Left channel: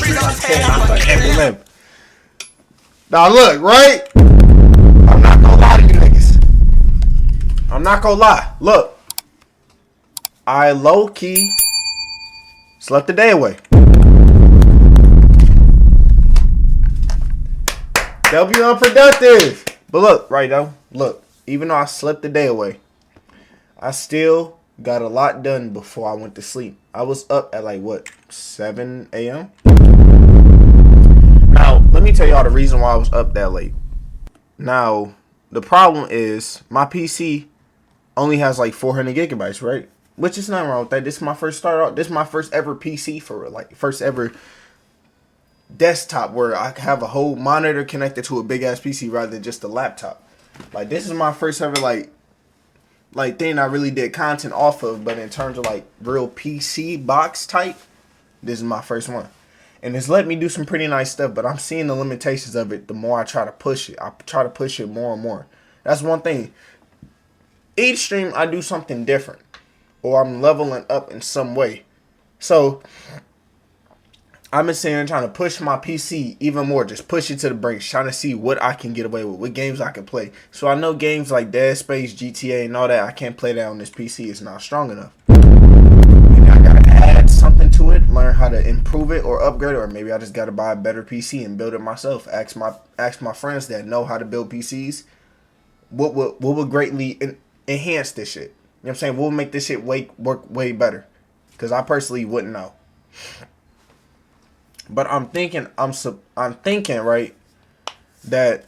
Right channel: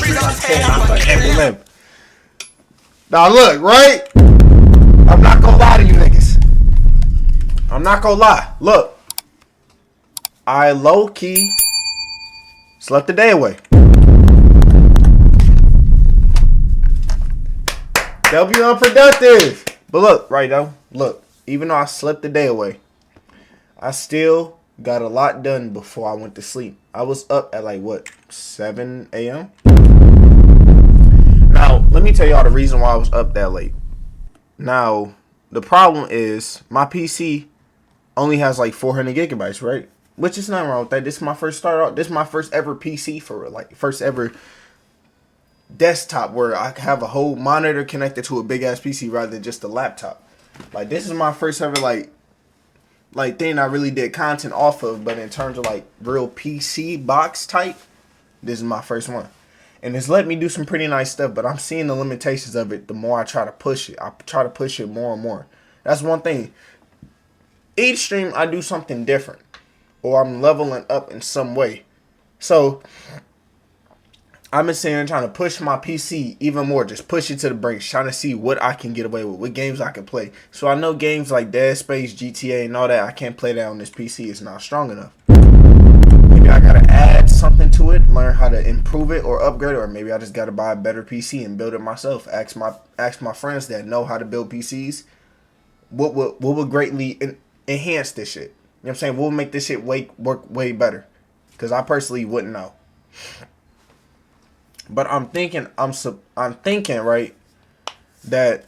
stream I said I forever live. Now look, right? I'm not gonna lie to you niggas. I'm not gonna lie. Look. I low-key slept the day away. W unproductive. But look, right though. Look, even though I slept the day away, I still got a lot done before I went to sleep. I was up at like what, 7 a.m. Now, let me tell y'all the reason why I was up that late. Now, the problem is my PC only has like 400 gigabytes, right? Which is nothing wrong with that. This is my first start out. This is my first ever PC for like first ever desktop where I have a whole monitor connected to a big ass PC rather than just a laptop. Like this is my first ever like thing I really did content off of, but in terms of like real PC box type, this is my first one. And it's let me do some pretty nice stuff, but I'm seeing the limitations of it the more I try to push it. I try to push it more and more. That's one thing. Each stream I do something different, or I'm leveling up in some way. So I've been sitting here trying to push my PC even more, just push it to the brakes, trying to see what I can get away with, what games I can play. So I know games like Dead Space, GTA, and all that, I can't play that on this PC. It's not strong enough. Maybe I gotta add something to it, learn how to improve it or upgrade it, or maybe I just gotta buy a better PC and build it myself. Ask my friends that know how to build PCs what would greatly enhance this shit. You know what I'm saying? What would make this shit work way better? Because I personally wouldn't know. But I'm thinking, right, that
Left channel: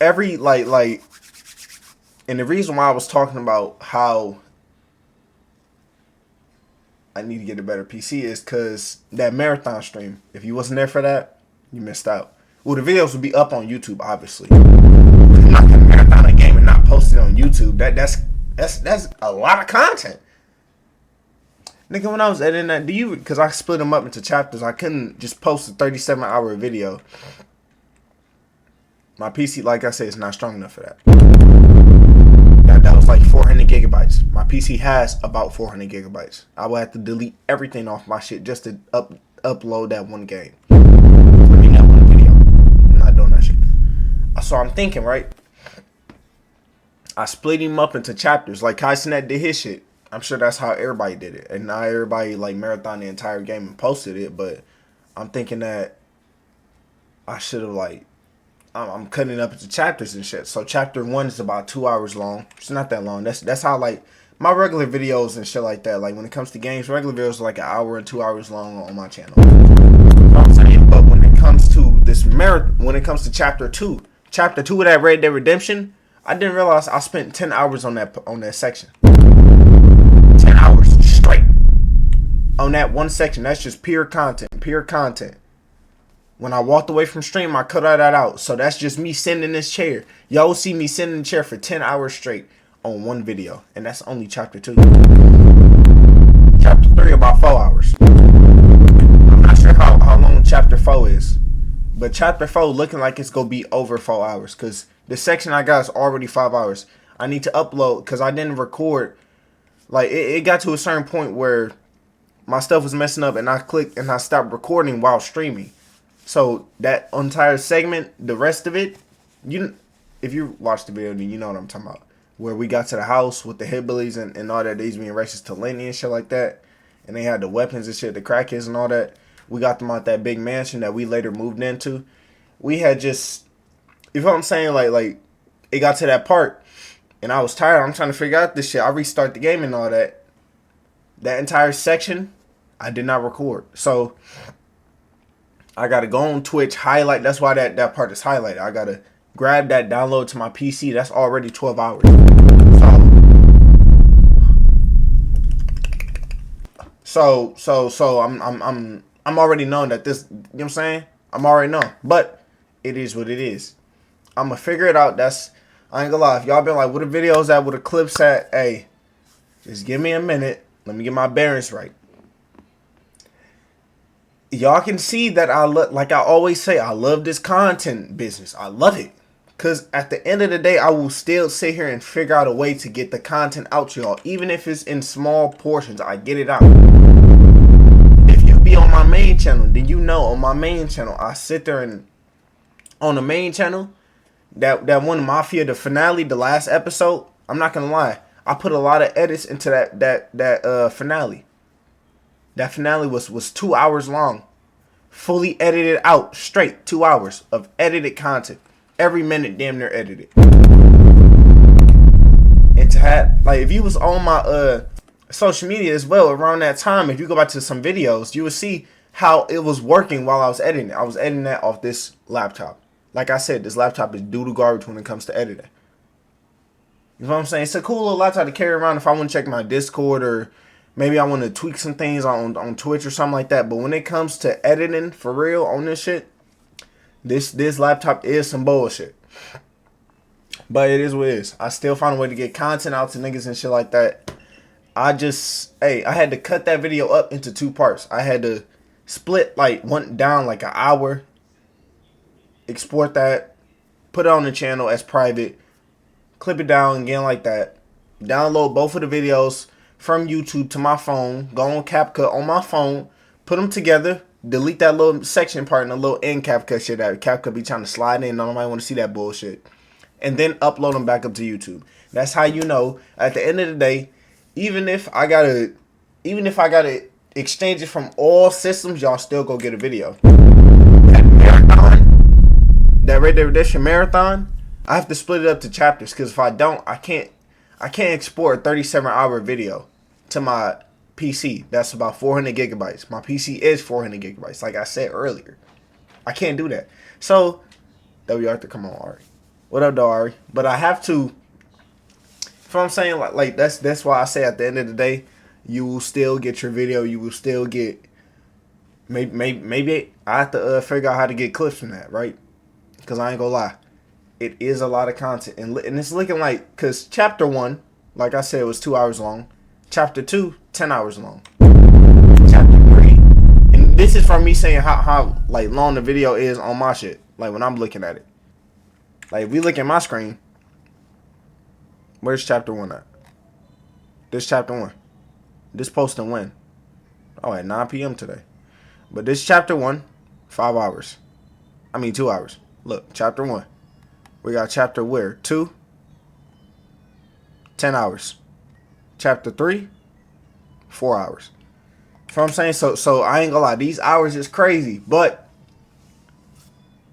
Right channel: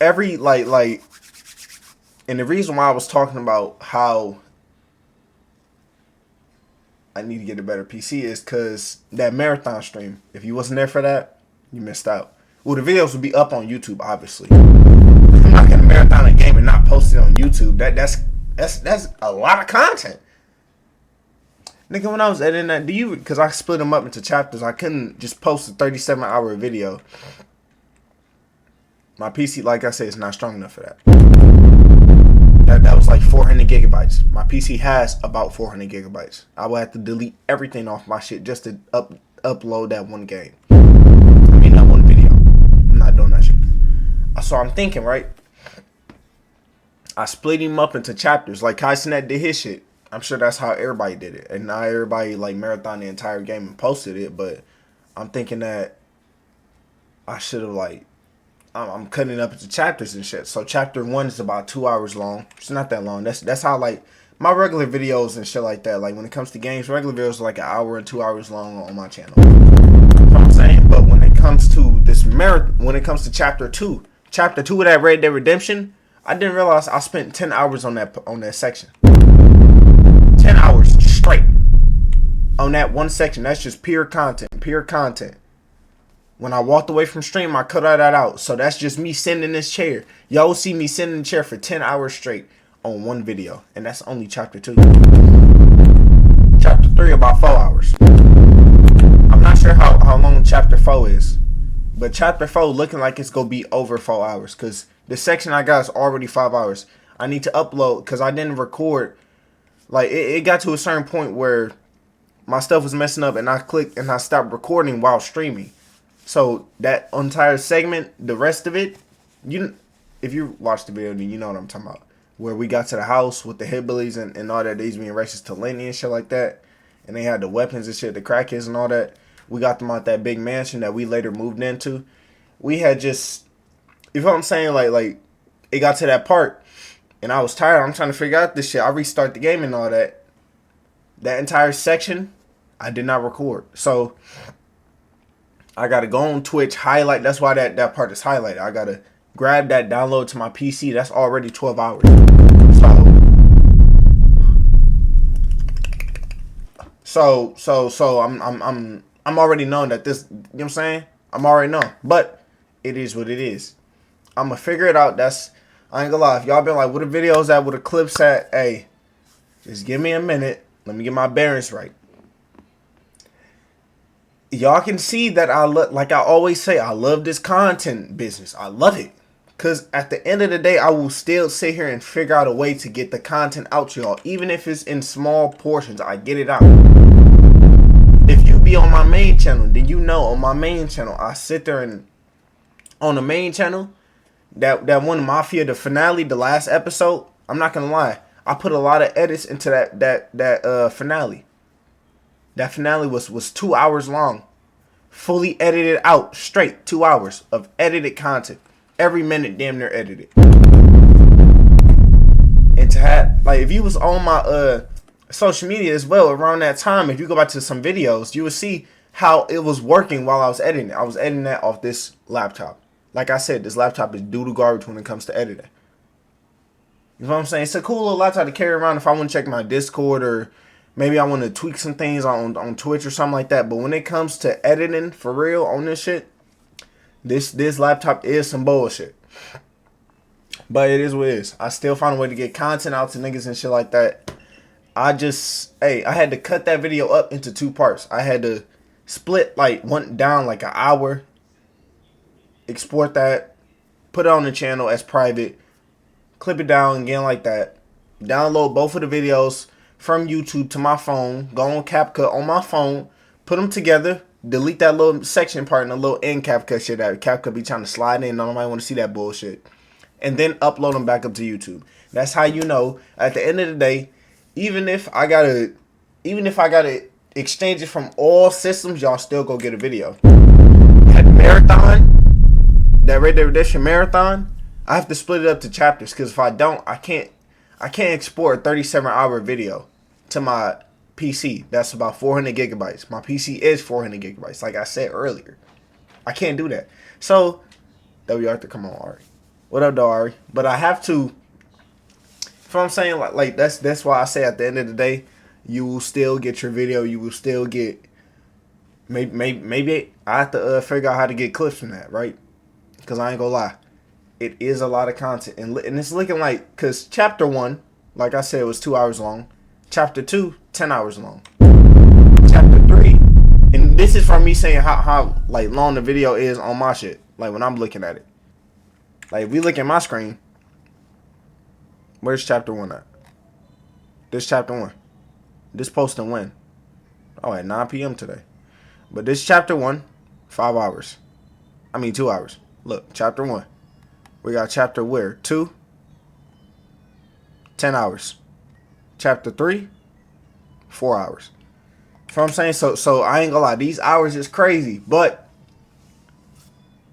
every like, and the reason why I was talking about how I need to get a better PC is because that marathon stream, if you wasn't there for that, you missed out. Well, the videos would be up on YouTube, obviously. I'm not gonna marathon a game and not post it on YouTube. That's a lot of content. Nigga, when I was editing that, because I split them up into chapters, I couldn't just post a 37-hour video. My PC, like I said, is not strong enough for that. That was like 400 gigabytes. My PC has about 400 gigabytes. I would have to delete everything off my shit just to upload that one game. I mean, that one video. I'm not doing that shit. So I'm thinking, right? I split him up into chapters. Like Kaisenet did his shit. I'm sure that's how everybody did it. And not everybody like marathon the entire game and posted it. But I'm thinking that I should have like, I'm cutting it up into chapters and shit. So chapter 1 is about 2 hours long. It's not that long. That's how like my regular videos and shit like that. Like when it comes to games, regular videos are like an hour and 2 hours long on my channel. You know what I'm saying? But when it comes to this marathon, when it comes to chapter 2 of that Red Dead Redemption, I didn't realize I spent 10 hours on that section. 10 hours straight on that one section. That's just pure content. When I walked away from stream, I cut all that out. So that's just me sitting in this chair. Y'all will see me sitting in the chair for 10 hours straight on one video. And that's only chapter 2. Chapter 3 about 4 hours. I'm not sure how long chapter 4 is. But chapter 4 looking like it's going to be over 4 hours. Because the section I got is already 5 hours. I need to upload because I didn't record. Like, it got to a certain point where my stuff was messing up and I clicked and I stopped recording while streaming. So, that entire segment, the rest of it, if you watch the video, then you know what I'm talking about. Where we got to the house with the hillbillies and all that, these being racist to Lenny and shit like that. And they had the weapons and shit, the crackheads and all that. We got them out that big mansion that we later moved into. We had just, you know what I'm saying? Like it got to that part. And I was tired. I'm trying to figure out this shit. I restart the game and all that. That entire section, I did not record. So, I got to go on Twitch, highlight. That's why that part is highlighted. I got to grab that, download to my PC. That's already 12 hours. So I'm already knowing that this, you know what I'm saying? I'm already knowing. But, it is what it is. I'm going to figure it out. I ain't gonna lie, if y'all been like, what the videos at, what the clips at, hey, just give me a minute. Let me get my bearings right. Y'all can see that like I always say, I love this content business. I love it. Because at the end of the day, I will still sit here and figure out a way to get the content out to y'all. Even if it's in small portions, I get it out. If you be on my main channel, then you know on my main channel, I sit there and on the main channel, that one Mafia, the finale, the last episode, I'm not gonna lie, I put a lot of edits into that finale. That finale was 2 hours long. Fully edited out, straight 2 hours of edited content. Every minute damn near edited. And to have, like, if you was on my social media as well around that time, if you go back to some videos, you would see how it was working while I was editing it. I was editing that off this laptop. Like I said, this laptop is doo-doo garbage when it comes to editing. You know what I'm saying? It's a cool little laptop to carry around if I want to check my Discord, or maybe I want to tweak some things on Twitch or something like that. But when it comes to editing for real on this shit, this laptop is some bullshit. But it is what it is. I still find a way to get content out to niggas and shit like that. I had to cut that video up into 2 parts. I had to split like one down like an hour, export that, put it on the channel as private, clip it down again like that, download both of the videos from YouTube to my phone, go on CapCut on my phone, put them together, delete that little section part and the little end CapCut shit that CapCut be trying to slide in. Nobody want to see that bullshit. And then upload them back up to YouTube. That's how you know at the end of the day, even if I gotta exchange it from all systems, y'all still go get a video. That marathon, that Red Dead Redemption marathon, I have to split it up to chapters, because if I don't, I can't export a 37-hour video to my PC. That's about 400 gigabytes. My PC is 400 gigabytes, like I said earlier. I can't do that. So, W. Arthur, come on, Ari. What up, though, Ari? But I have to. You know what I'm saying? Like that's why I say at the end of the day, you will still get your video. You will still get. Maybe I have to figure out how to get clips from that, right? Because I ain't gonna lie, it is a lot of content, and it's looking like, because chapter 1, like I said, was 2 hours long. Chapter 2, 10 hours long. Chapter 3, and this is from me saying how like long the video is on my shit. Like when I'm looking at it. Like, if we look at my screen, where's chapter 1 at? This chapter 1. This posting when? Oh, at 9 p.m. today. But this chapter 1, 5 hours. I mean, 2 hours. Look, chapter 1. We got chapter where? 2? 10 hours. Chapter 3? 4 hours. You know what I'm saying? So I ain't gonna lie. These hours is crazy. But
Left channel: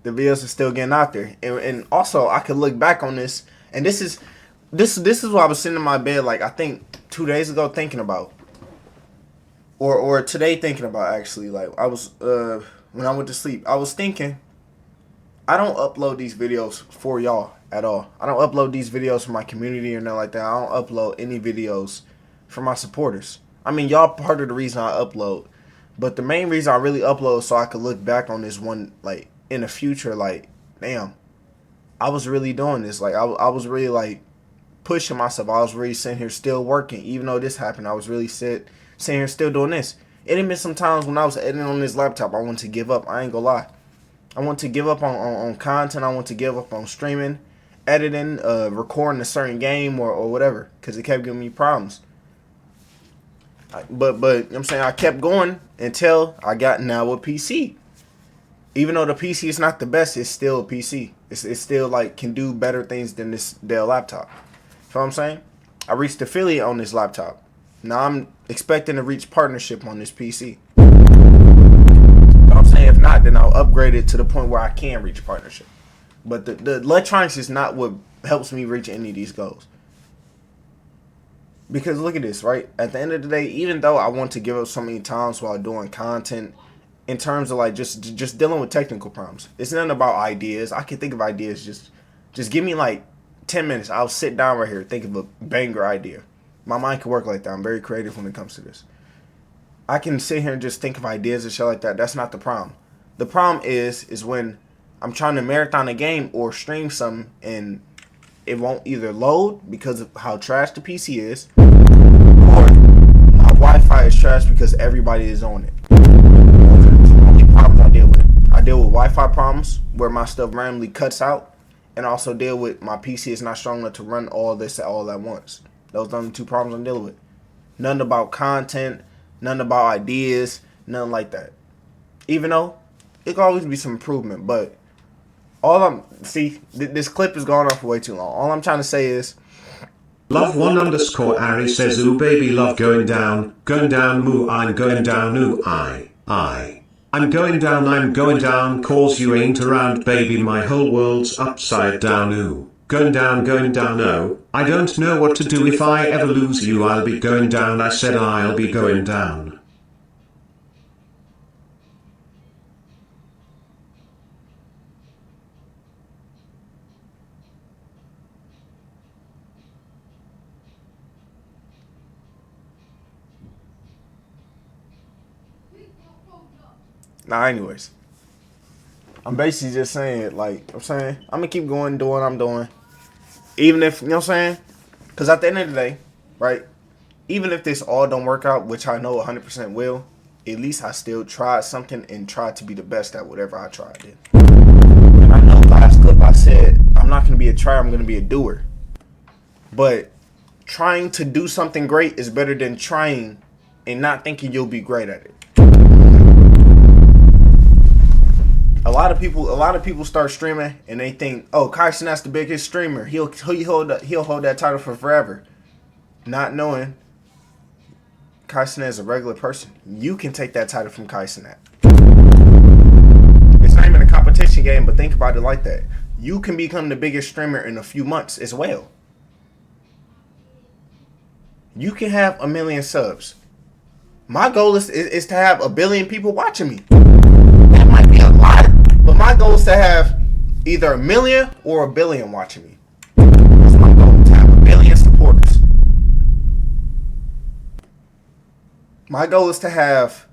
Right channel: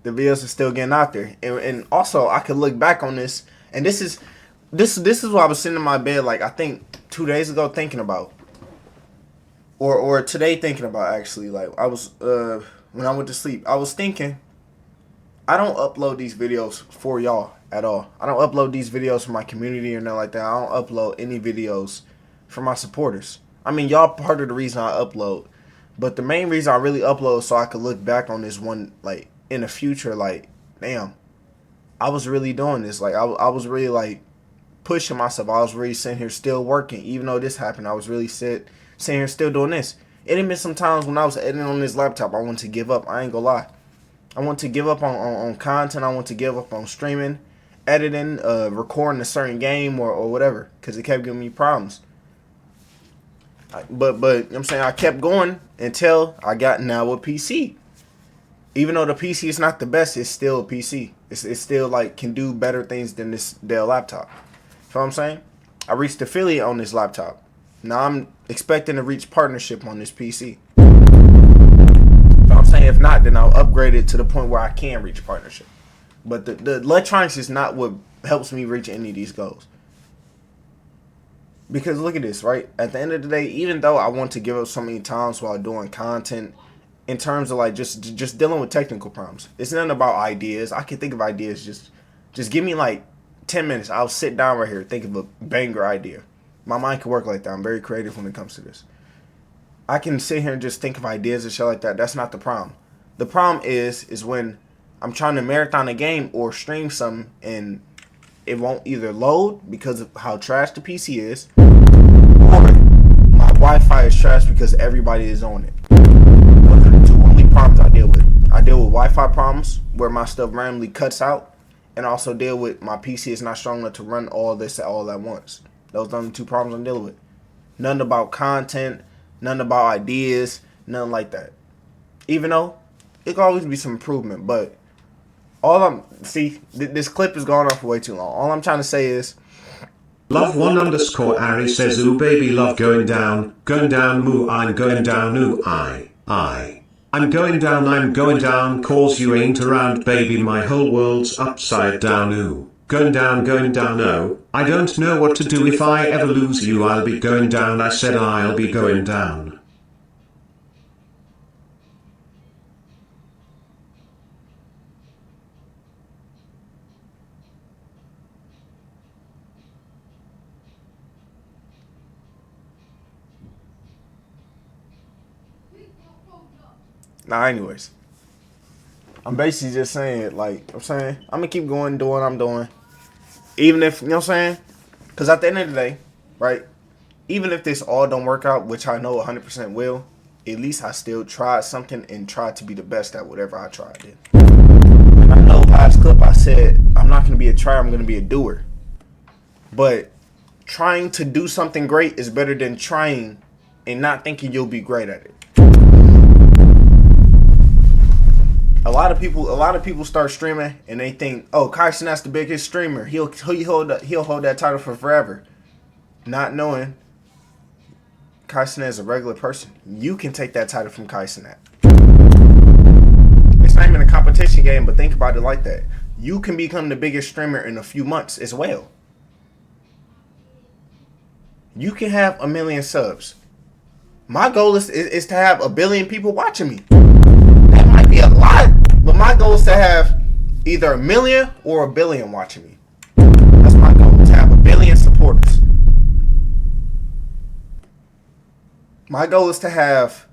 the videos are still getting out there, and also I could look back on this, and this is what I was sitting in my bed, like I think 2 days ago, thinking about, or today thinking about, actually. Like I was when I went to sleep, I was thinking, I don't upload these videos for y'all at all. I don't upload these videos for my community or nothing like that. I don't upload any videos for my supporters. I mean, y'all part of the reason I upload, but the main reason I really upload is so I could look back on this one, like, in the future, like, damn, I was really doing this. Like, I was really, like, pushing myself. I was really sitting here still working. Even though this happened, I was really sitting here still doing this. It had been some times when I was editing on this laptop, I wanted to give up. I ain't gonna lie. I want to give up on content. I want to give up on streaming, editing, recording a certain game or whatever, because it kept giving me problems. But you know what I'm saying, I kept going until I got now a PC. Even though the PC is not the best, it's still a PC. It's still, like, can do better things than this Dell laptop. You know what I'm saying? I reached affiliate on this laptop. Now I'm expecting to reach partnership on this PC. You know what I'm saying? If not, then I'll upgrade it to the point where I can reach partnership. But the electronics is not what helps me reach any of these goals. Because look at this, right? At the end of the day, even though I want to give up so many times while doing content, in terms of, like, just dealing with technical problems, it's nothing about ideas. I can think of ideas. Just give me, like, 10 minutes. I'll sit down right here, think of a banger idea. My mind can work like that. I'm very creative when it comes to this. I can sit here and just think of ideas and shit like that. That's not the problem. The problem is when I'm trying to marathon a game or stream something and it won't either load because of how trash the PC is, or my Wi-Fi is trash because everybody is on it. Those are the two only problems I deal with. I deal with Wi-Fi problems where my stuff randomly cuts out, and also deal with my PC is not strong enough to run all this all at once. Those are the two problems I'm dealing with. Nothing about content, nothing about ideas, Nothing like that. Even though it can always be some improvement, but all I'm this clip is going on for way too long. All I'm trying to say is Love1_Ari says ooh baby love going down moo I'm going down ooh I'm going down cause you ain't around baby my whole world's upside down ooh going down oh I don't know what to do if I ever lose you I'll be going down I said I'll be going down. anyways. I'm basically just saying, like, I'm saying, I'm gonna keep going, doing what I'm doing. Even if, you know what I'm saying? Because at the end of the day, right, even if this all don't work out, which I know 100% will, at least I still tried something and tried to be the best at whatever I tried in. And I know last clip I said, I'm not gonna be a trier, I'm gonna be a doer. But trying to do something great is better than trying and not thinking you'll be great at it. A lot of people start streaming and they think, oh, Kyson, that's the biggest streamer. He'll hold that title for forever. Not knowing Kyson is a regular person. You can take that title from Kyson. It's not even a competition game, but think about it like that. You can become the biggest streamer in a few months as well. You can have 1 million subs. My goal is to have 1 billion people watching me. That might be a lot, but my goal is to have either 1 million or 1 billion watching me. That's my goal, to have 1 billion supporters. My goal is to have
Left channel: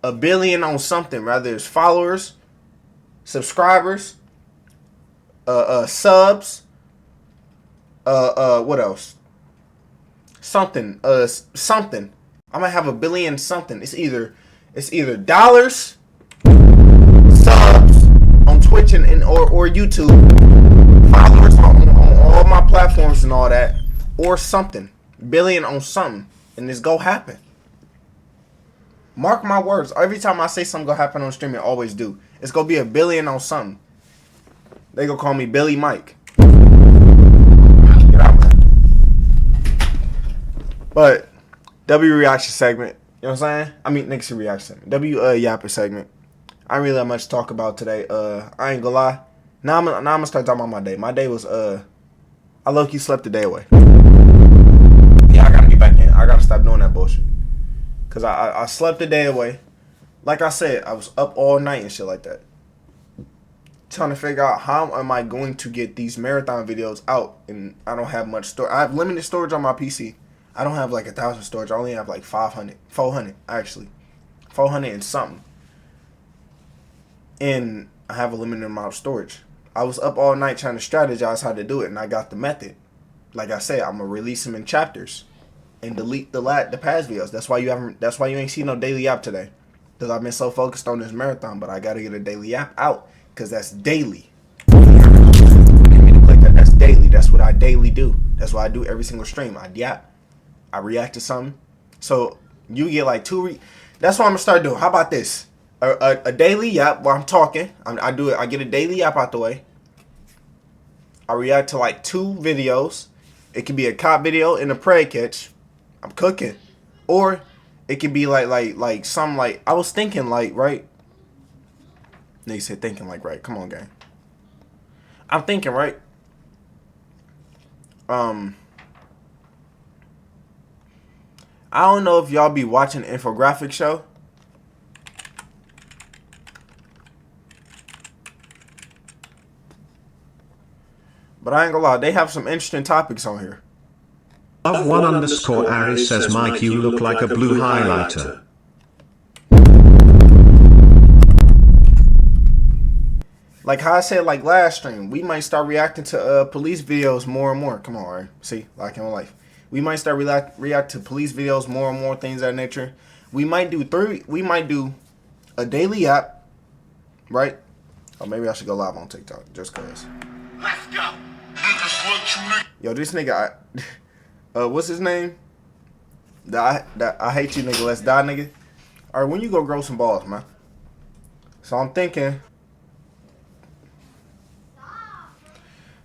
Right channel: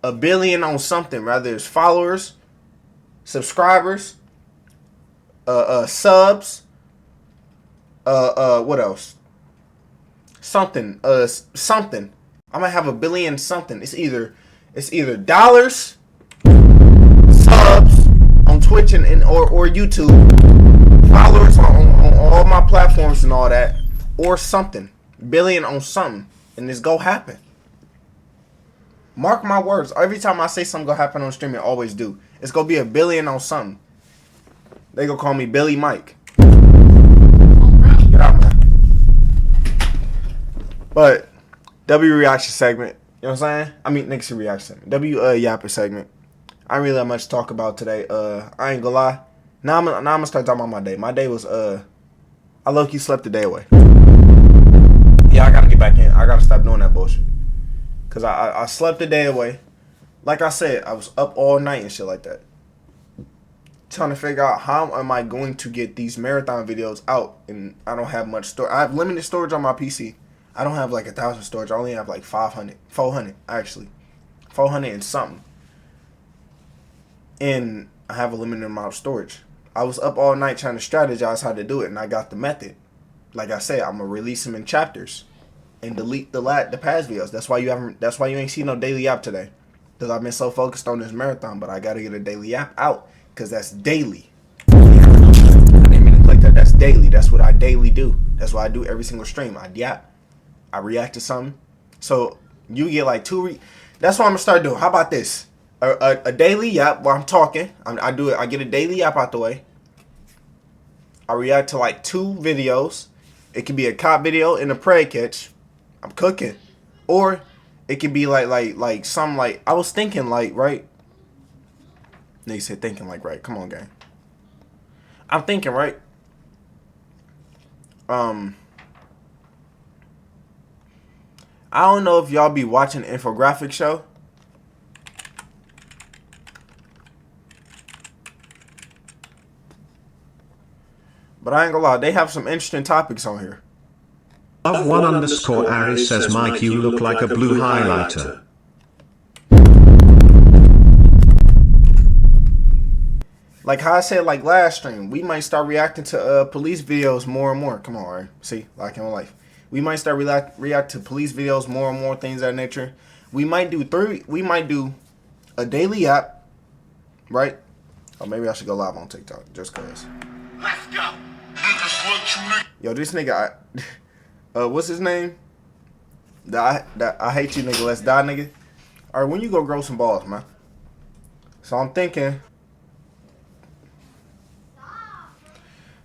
1 billion on something, rather it's followers, subscribers, subs, what else? Something. I'm gonna have 1 billion something. It's either dollars, subs on Twitch and or YouTube, followers on all my platforms and all that, or something. Billion on something, and this go happen. Mark my words. Every time I say something gonna happen on stream, it always do. It's gonna be 1 billion on something. They gonna call me Billy Mike. Get out, man. But W reaction segment. You know what I'm saying? I mean, next reaction segment. Yaps segment. I ain't really have much to talk about today. I ain't gonna lie. Now I'm gonna start talking about my day. My day was I low-key slept the day away. Yeah, I gotta get back in. I gotta stop doing that bullshit. Cause I slept the day away. Like I said, I was up all night and shit like that. Trying to figure out how am I going to get these marathon videos out, and I don't have much storage. I have limited storage on my PC. I don't have like 1,000 storage. I only have like 400 actually, 400 and something. And I have a limited amount of storage. I was up all night trying to strategize how to do it, and I got the method. Like I said, I'm gonna release them in chapters and delete the past videos. That's why you ain't seen no daily Yap today, because I've been so focused on this marathon. But I gotta get a daily Yap out, because that's daily. I didn't mean to click that. That's daily. That's what I daily do. That's what I do every single stream. I yap. I react to something. So you get like that's what I'm gonna start doing. How about this? A daily Yap while I'm talking. I do it. I get a daily Yap out the way. I react to like 2 videos. It can be a cop video and a prey catch. I'm cooking. Or it can be like some like I was thinking like right. They said thinking like right. Come on, gang. I'm thinking right. I don't know if y'all be watching the infographic show. But I ain't gonna lie, they have some interesting topics on here. Love1_Ari says Mike you look like a blue highlighter. Like how I said like last stream, we might start reacting to police videos more and more. Come on, right? See, like in life. We might start react to police videos more and more, things of that nature. We might do a daily Yap, right? Or maybe I should go live on TikTok just cause. Let's go. Yo, this nigga, what's his name? I hate you, nigga. Let's die, nigga. All right, when you go grow some balls, man. So I'm thinking.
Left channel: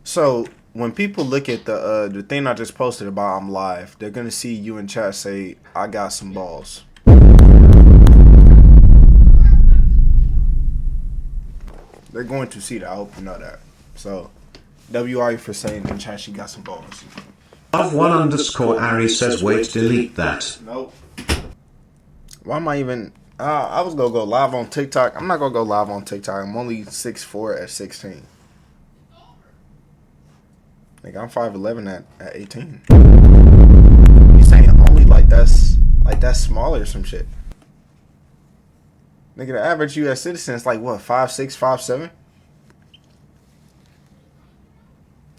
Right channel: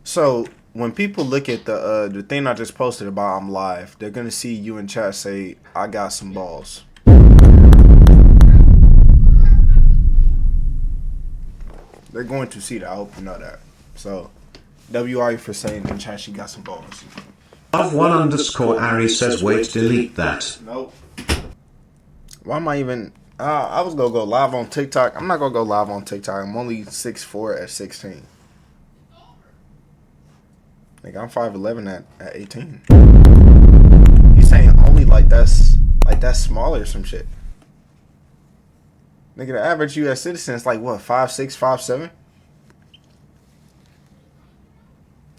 So when people look at the thing I just posted about I'm live, they're gonna see you in chat say I got some balls. They're going to see that. I hope you know that. So WI for saying in chat she got some balls. Love1_Ari says wait, delete that. Nope. Why am I even? I was gonna go live on TikTok. I'm not gonna go live on TikTok. I'm only 6'4" at 16. Like I'm 5'11" at 18. You saying only like that's smaller or some shit? Nigga, the average U.S. citizen is like what, 5'6",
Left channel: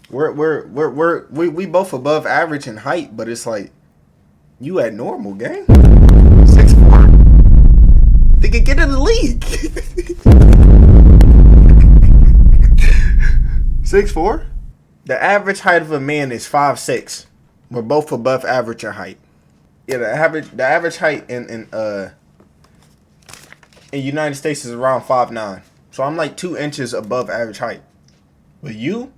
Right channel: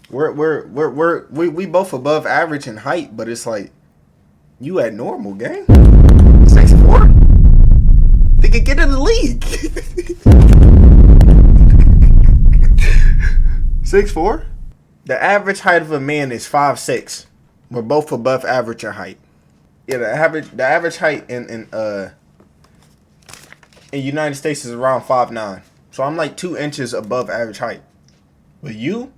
5'7"? We both above average in height, but it's like you at normal, gang. 6'4". Nigga, get in the league. 6'4". The average height of a man is 5'6". We're both above average in height. Yeah, the average height in United States is around 5'9". So I'm like 2 inches above average height. But you?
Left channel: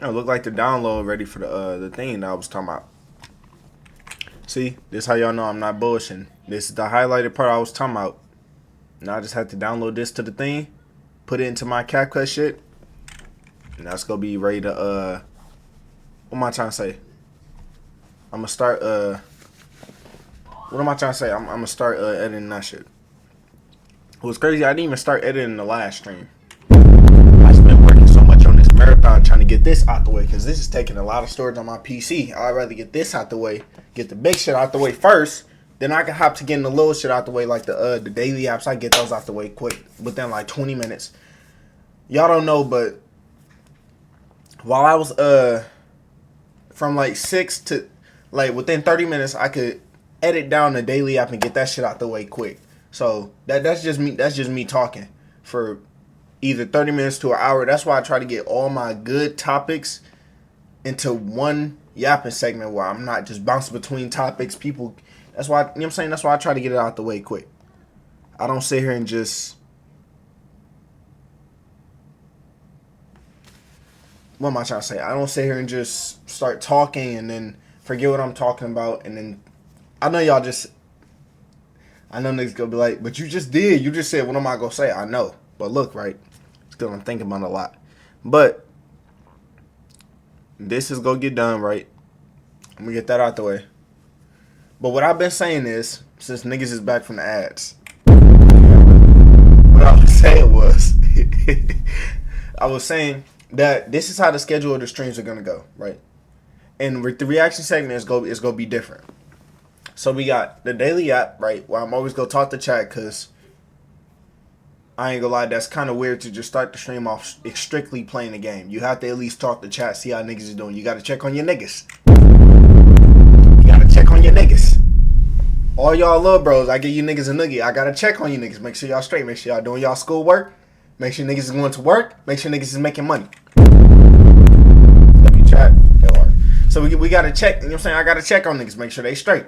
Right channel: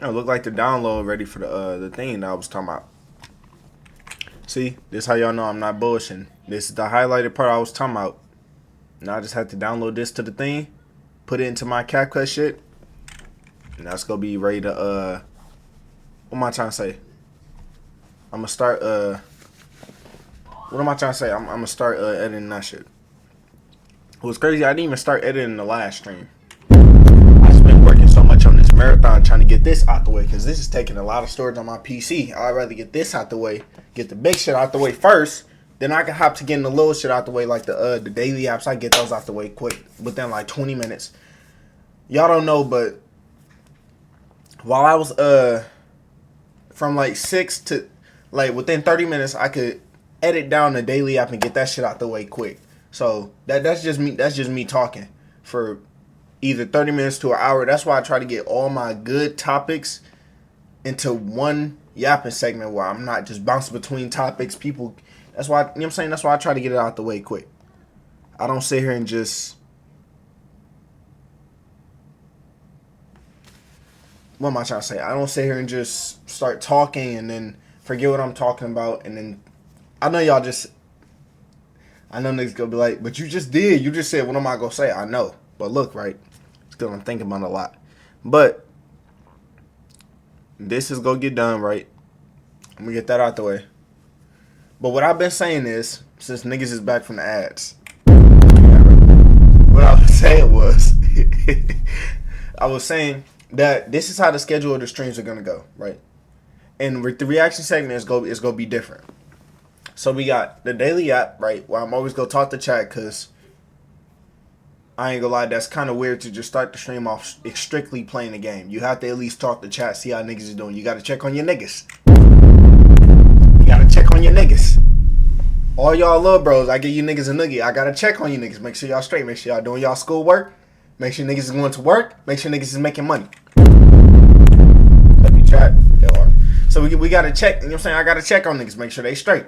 It look like the download ready for the thing that I was talking about. See, this how y'all know I'm not bullshitting. This is the highlighted part I was talking about. Now I just have to download this to the thing, put it into my CapCut shit, and that's gonna be ready to what am I trying to say? I'm gonna start what am I trying to say? I'm gonna start editing that shit. What's crazy, I didn't even start editing the last stream. I just been working so much on this marathon trying to get this out the way because this is taking a lot of storage on my PC. I'd rather get this out the way, get the big shit out the way first, then I can hop to getting the little shit out the way, like the daily apps. I get those out the way quick within like 20 minutes. Y'all don't know, but while I was from like 6 to like within 30 minutes, I could edit down the daily app and get that shit out the way quick. So that's just me. That's just me talking for either 30 minutes to an hour. That's why I try to get all my good topics into one yapping segment where I'm not just bouncing between topics. People, that's why, you know what I'm saying? That's why I try to get it out the way quick. I don't sit here and just, what am I trying to say? I don't sit here and just start talking and then forget what I'm talking about. And then, I know y'all just, I know niggas gonna be like, but you just did. You just said, what am I gonna say? I know. But look, right? Still, I'm thinking about it a lot. But this is gonna get done, right? I'm gonna get that out the way. But what I've been saying is, since niggas is back from the ads, what I was saying was, I was saying that this is how the schedule of the streams are gonna go, right? And the reaction segment is gonna be different. So we got the daily app, right? Where I'm always gonna talk to chat, cause I ain't gonna lie, that's kind of weird to just start the stream off strictly playing the game. You have to at least talk to chat, see how niggas is doing. You gotta check on your niggas. You gotta check on your niggas. All y'all little bros, I give you niggas a noogie. I gotta check on you niggas. Make sure y'all straight. Make sure y'all doing y'all school work. Make sure niggas is going to work. Make sure niggas is making money. Let me chat. So we gotta check. You know what I'm saying? I gotta check on niggas. Make sure they straight.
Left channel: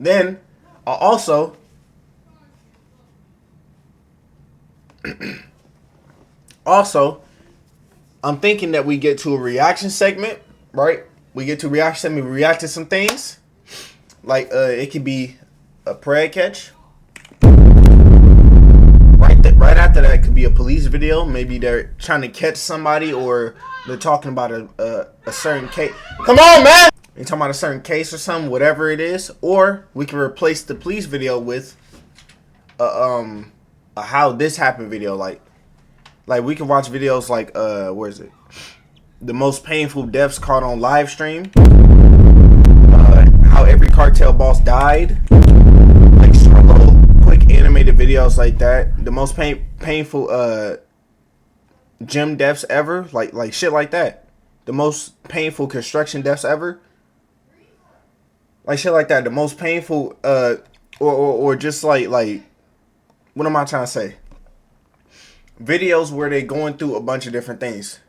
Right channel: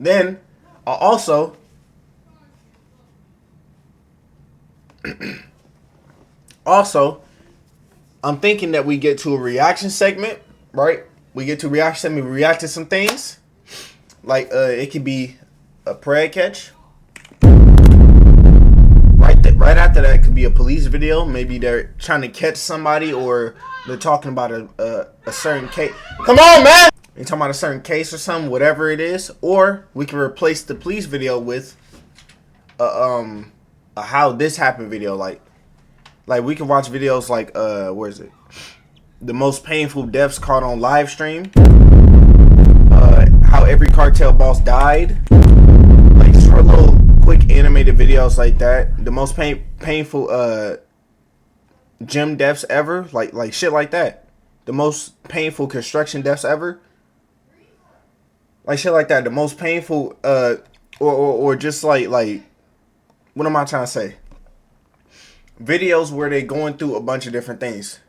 Then, also, I'm thinking that we get to a reaction segment, right? We get to a reaction segment. We react to some things. Like, it could be a prayer catch. Right after that, it could be a police video. Maybe they're trying to catch somebody or they're talking about a certain case. Come on, man! They're talking about a certain case or something, whatever it is. Or we can replace the police video with a how this happened video. Like we can watch videos like, where is it? The most painful deaths caught on live stream. How every cartel boss died. Like short little quick animated videos like that. The most painful gym deaths ever. Like shit like that. The most painful construction deaths ever. Like shit like that. The most painful or just like what am I trying to say? Videos where they going through a bunch of different things.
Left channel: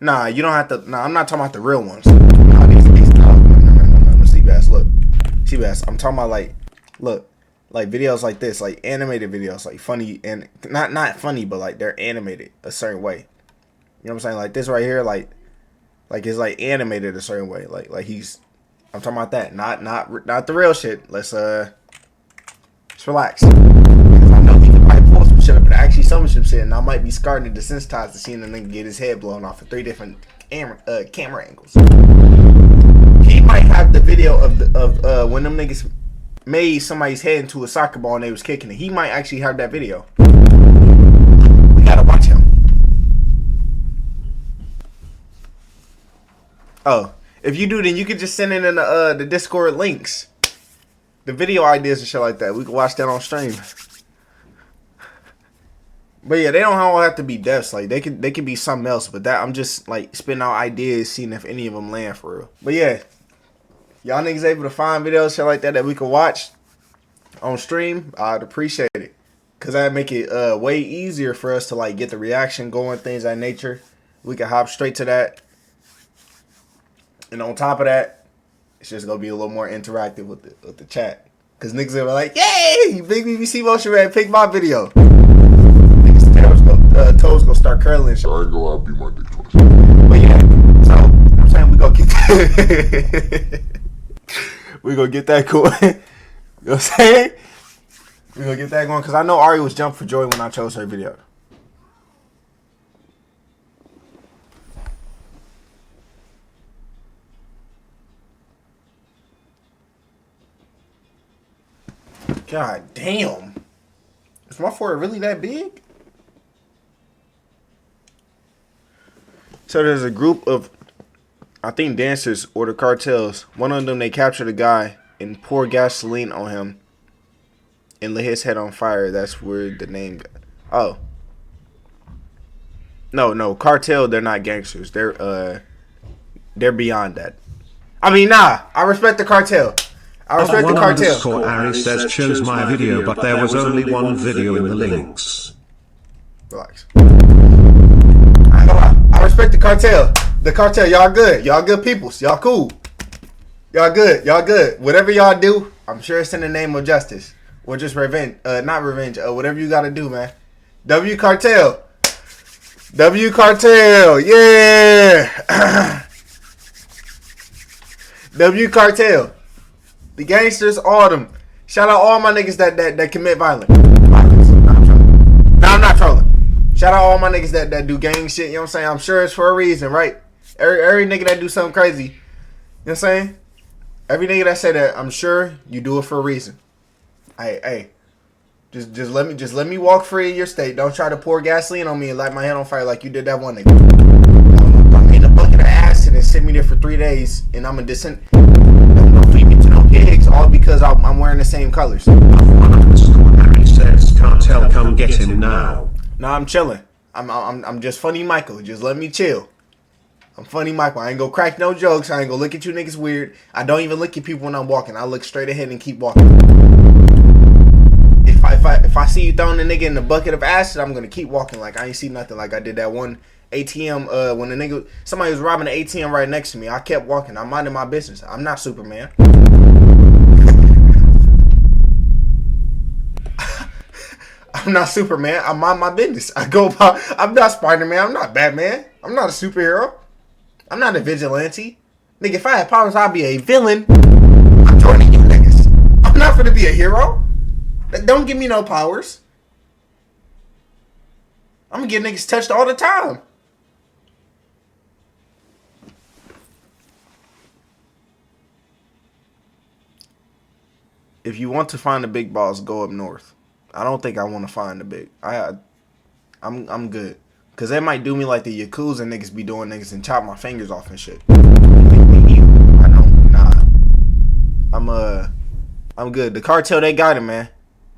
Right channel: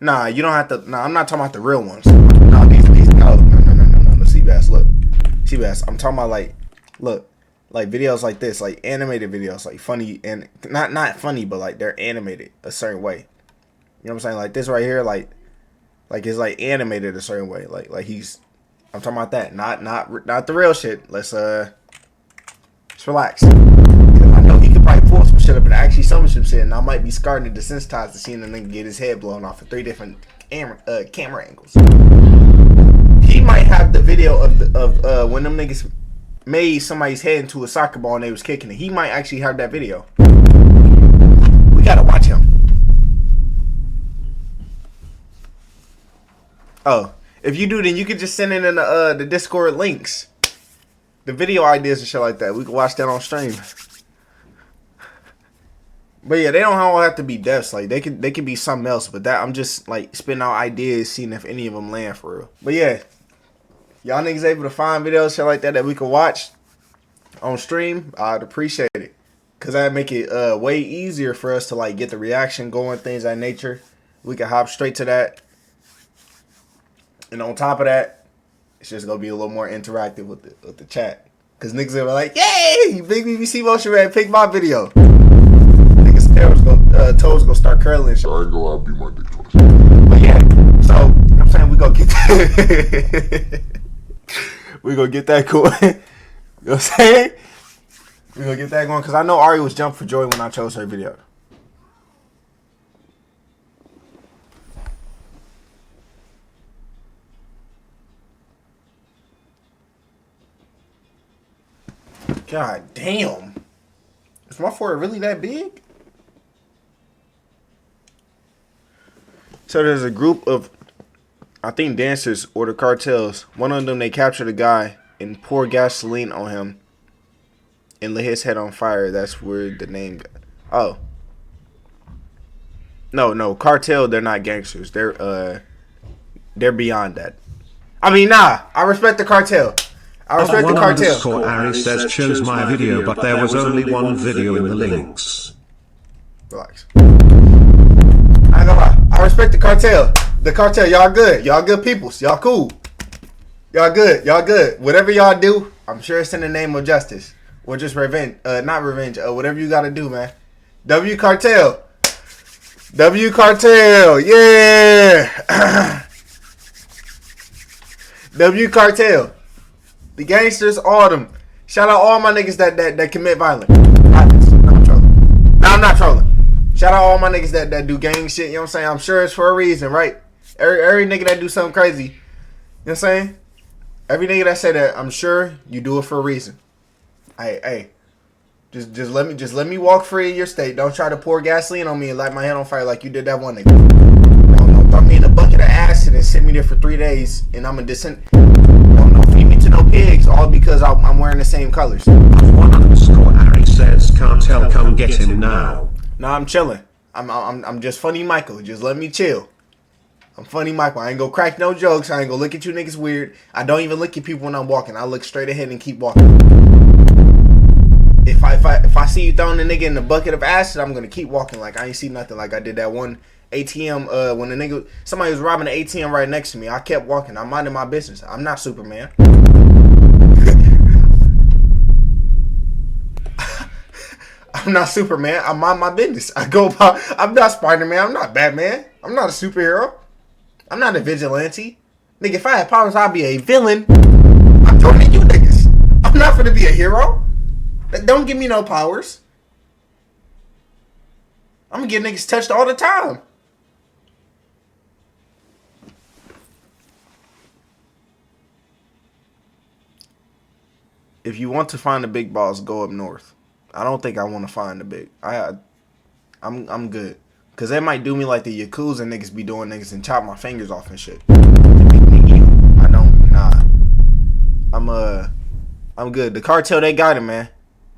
Nah, you don't have to. Nah, I'm not talking about the real ones. Nah, these no. Seabass, look. Seabass, I'm talking about look, like videos like this, like animated videos, like funny and not funny, but like they're animated a certain way. You know what I'm saying? Like this right here, like it's like animated a certain way. Like he's. I'm talking about that, not the real shit. Let's relax. Because I know he could probably pull some shit up and actually some shit, and I might be scarred and desensitized to seeing a nigga get his head blown off of 3 different camera angles. He might have the video of when them niggas made somebody's head into a soccer ball and they was kicking it. He might actually have that video. We gotta watch him. Oh, if you do, then you could just send it in the Discord links. The video ideas and shit like that. We can watch that on stream. But yeah, they don't all have to be deaths. Like they could be something else. But that I'm just like spitting out ideas, seeing if any of them land for real. But yeah, y'all niggas able to find videos shit like that we can watch on stream, I'd appreciate it. Cause that'd make it way easier for us to like get the reaction going, things of that nature. We can hop straight to that. And on top of that, it's just gonna be a little more interactive with the chat. Cause niggas are like, yay! Big BBC Motion Man, pick my video. Niggas' toes go start curling and shit. I ain't gonna be my dick twice. But yeah, so you know what I'm saying, we gonna get that. We gonna get that going. You know what I'm saying? We gonna get that going. Cause I know Ari was jumping for joy when I chose her video. God damn. Is my forehead really that big? So there's a group of, I think, dancers or the cartels. One of them, they captured a guy and pour gasoline on him and lit his head on fire. That's where the name got. Oh. No, cartel, they're not gangsters. They're beyond that. I mean, nah, I respect the cartel. I respect the cartel. Ari says chose my video, but there was only one video in the links. Relax. I ain't gonna lie. I respect the cartel. The cartel, y'all good. Y'all good peoples. Y'all cool. Y'all good. Y'all good. Whatever y'all do, I'm sure it's in the name of justice. Or just revenge. Not revenge. Whatever you gotta do, man. W Cartel. W Cartel. Yeah. W Cartel. The gangsters, all of them. Shout out all my niggas that commit violence. Nah, I'm trolling. Nah, I'm not trolling. Shout out all my niggas that do gang shit. You know what I'm saying? I'm sure it's for a reason, right? Every nigga that do something crazy. You know what I'm saying? Every nigga that say that, I'm sure you do it for a reason. Hey. Just let me walk free in your state. Don't try to pour gasoline on me and light my head on fire like you did that one nigga. Don't throw me in a bucket of acid and sit me there for 3 days and I'm a descent. Don't feed me to no pigs, all because I'm wearing the same colors. Ari says cartel, come get him now. Nah, I'm chilling. I'm just Funny Michael. Just let me chill. I'm Funny Michael. I ain't gonna crack no jokes. I ain't gonna look at you niggas weird. I don't even look at people when I'm walking. I look straight ahead and keep walking. If I see you throwing a nigga in the bucket of acid, I'm gonna keep walking like I ain't see nothing. Like I did that one ATM when somebody was robbing the ATM right next to me. I kept walking. I'm minding my business. I'm not Superman. I'm not Superman. I mind my business. I'm not Spider-Man. I'm not Batman. I'm not a superhero. I'm not a vigilante. Nigga, if I had powers, I'd be a villain. I'm joining you niggas. I'm not gonna be a hero. Don't give me no powers. I'm gonna get niggas touched all the time. If you want to find the big balls, go up north. I don't think I want to find the big. I'm good. Cause they might do me like the Yakuza niggas be doing niggas and chop my fingers off and shit. Make me evil. I don't. Nah. I'm good. The cartel, they got it, man.